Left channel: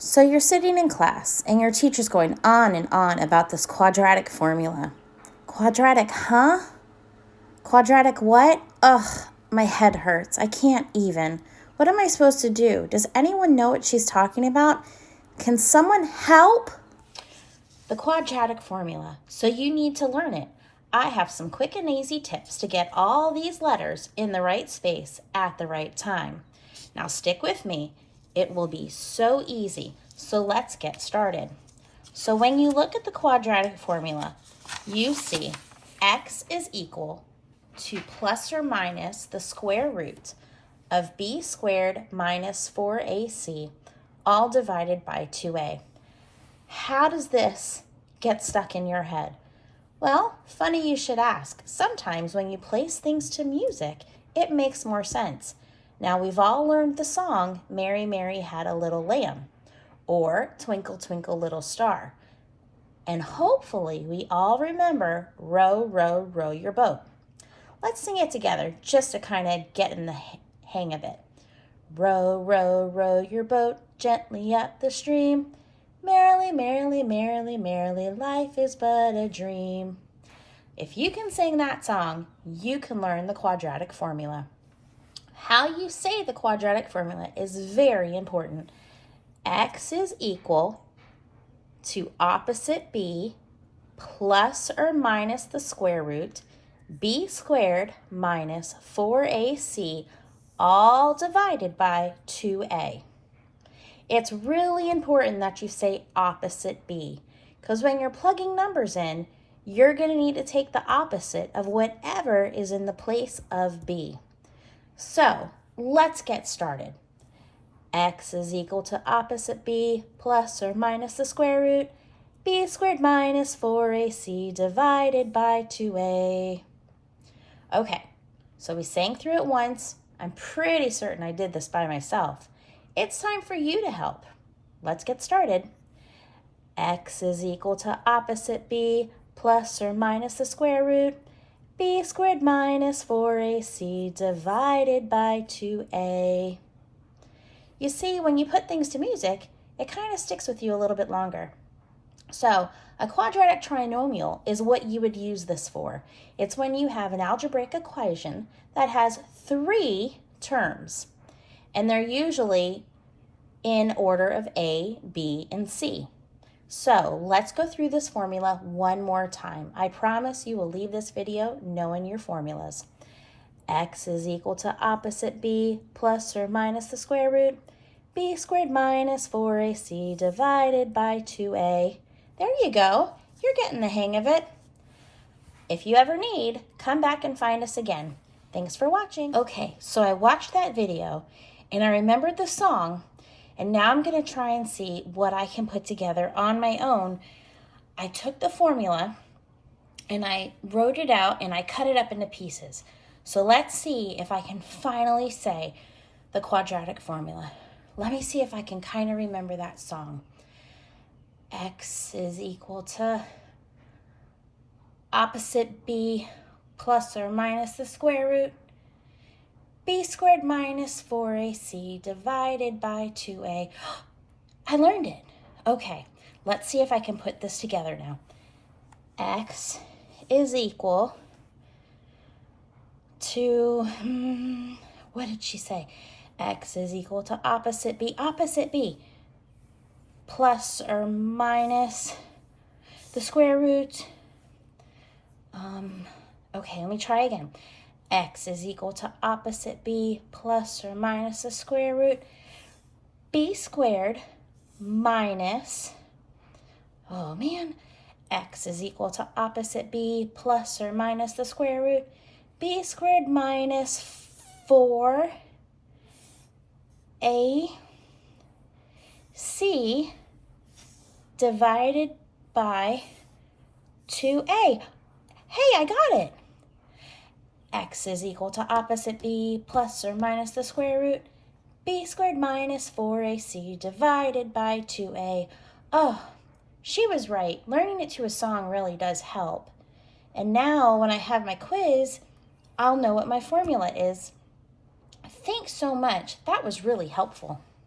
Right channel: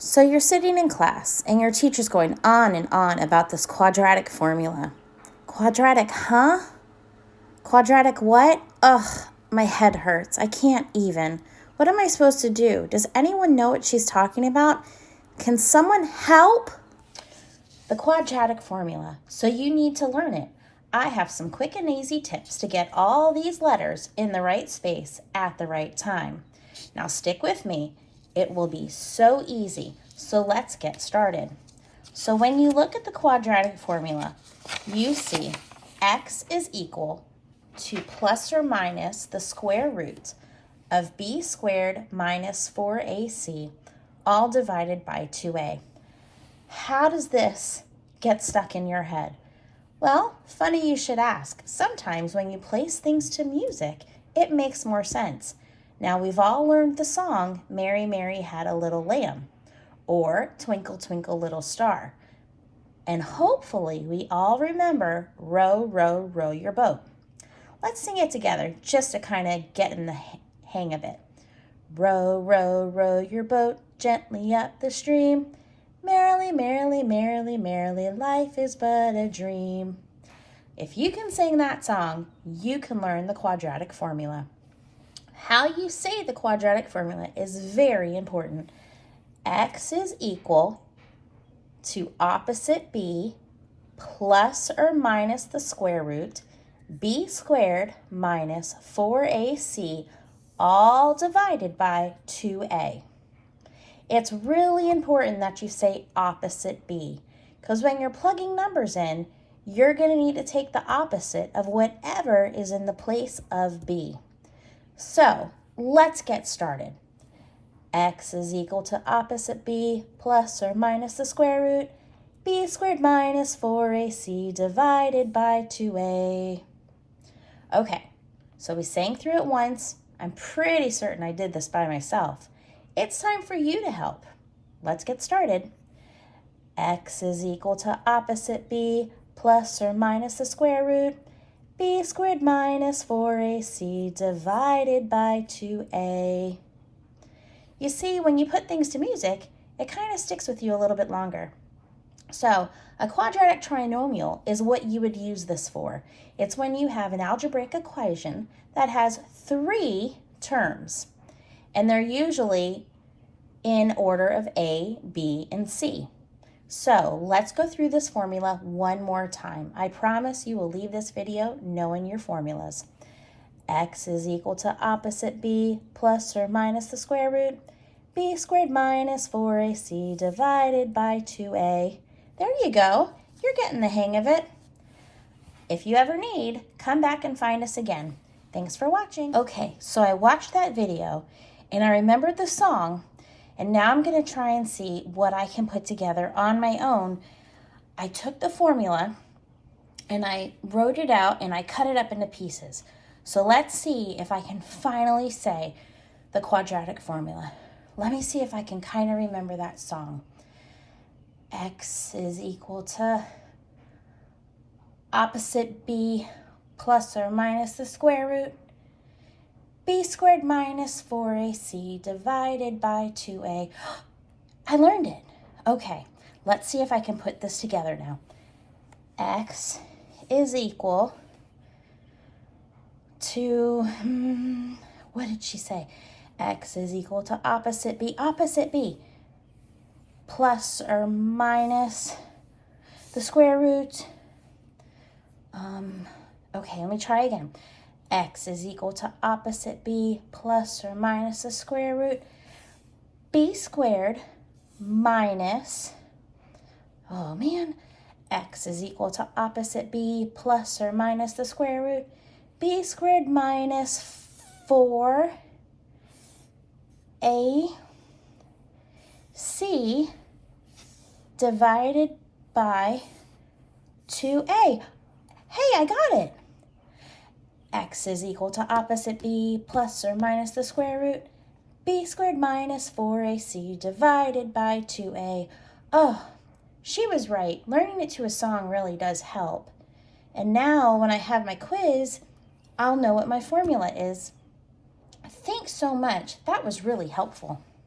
So you're sitting in class and your teacher's going on and on about this quadratic formula. Quadratic, huh? Quadratic what? Ugh, my head hurts. I can't even. What am I supposed to do? Does anyone know what she's talking about? Can someone help? The quadratic formula. So you need to learn it. I have some quick and easy tips to get all these letters in the right space at the right time. Now stick with me. It will be so easy. So let's get started. So when you look at the quadratic formula, you see x is equal to plus or minus the square root of b squared minus 4ac, all divided by 2a. How does this get stuck in your head? Well, funny you should ask. Sometimes when you place things to music, it makes more sense. Now we've all learned the song, Mary, Mary Had a Little Lamb, or Twinkle, Twinkle, Little Star. And hopefully we all remember Row, Row, Row Your Boat. Let's sing it together just to kind of get in the hang of it. Row, row, row your boat gently up the stream. Merrily, merrily, merrily, merrily, life is but a dream. If you can sing that song, you can learn the quadratic formula. How you say the quadratic formula is very important. X is equal to opposite b plus or minus the square root b squared minus 4ac, all divided by 2a. It's really important that you say opposite b, because when you're plugging numbers in, you're going to need to take the opposite of whatever is in the place of b. So let's get started. X is equal to opposite b plus or minus the square root b squared minus 4ac divided by 2a. Okay, so we sang through it once. I'm pretty certain I did this by myself. It's time for you to help. Let's get started. X is equal to opposite b plus or minus the square root b squared minus 4ac divided by 2a. You see, when you put things to music, it kind of sticks with you a little bit longer. So a quadratic trinomial is what you would use this for. It's when you have an algebraic equation that has 3 terms, and they're usually in order of A, B, and C. So let's go through this formula one more time. I promise you will leave this video knowing your formulas. X is equal to opposite b plus or minus the square root b squared minus 4ac divided by 2a. There you go. You're getting the hang of it. If you ever need, come back and find us again. Thanks for watching. Okay, so I watched that video and I remembered the song, and now I'm going to try and see what I can put together on my own. I took the formula and I wrote it out and I cut it up into pieces. So let's see if I can finally say the quadratic formula. Let me see if I can kind of remember that song. X is equal to opposite b plus or minus the square root b squared minus 4ac divided by 2a. I learned it. Okay, let's see if I can put this together now. X is equal to, what did she say? X is equal to opposite b, plus or minus the square root. Okay, let me try again. X is equal to opposite b plus or minus the square root b squared minus, X is equal to opposite b plus or minus the square root b squared minus 4ac divided by 2a. Hey, I got it. X is equal to opposite b plus or minus the square root b squared minus 4ac divided by 2a. Oh, she was right. Learning it to a song really does help. And now when I have my quiz, I'll know what my formula is. Thanks so much. That was really helpful.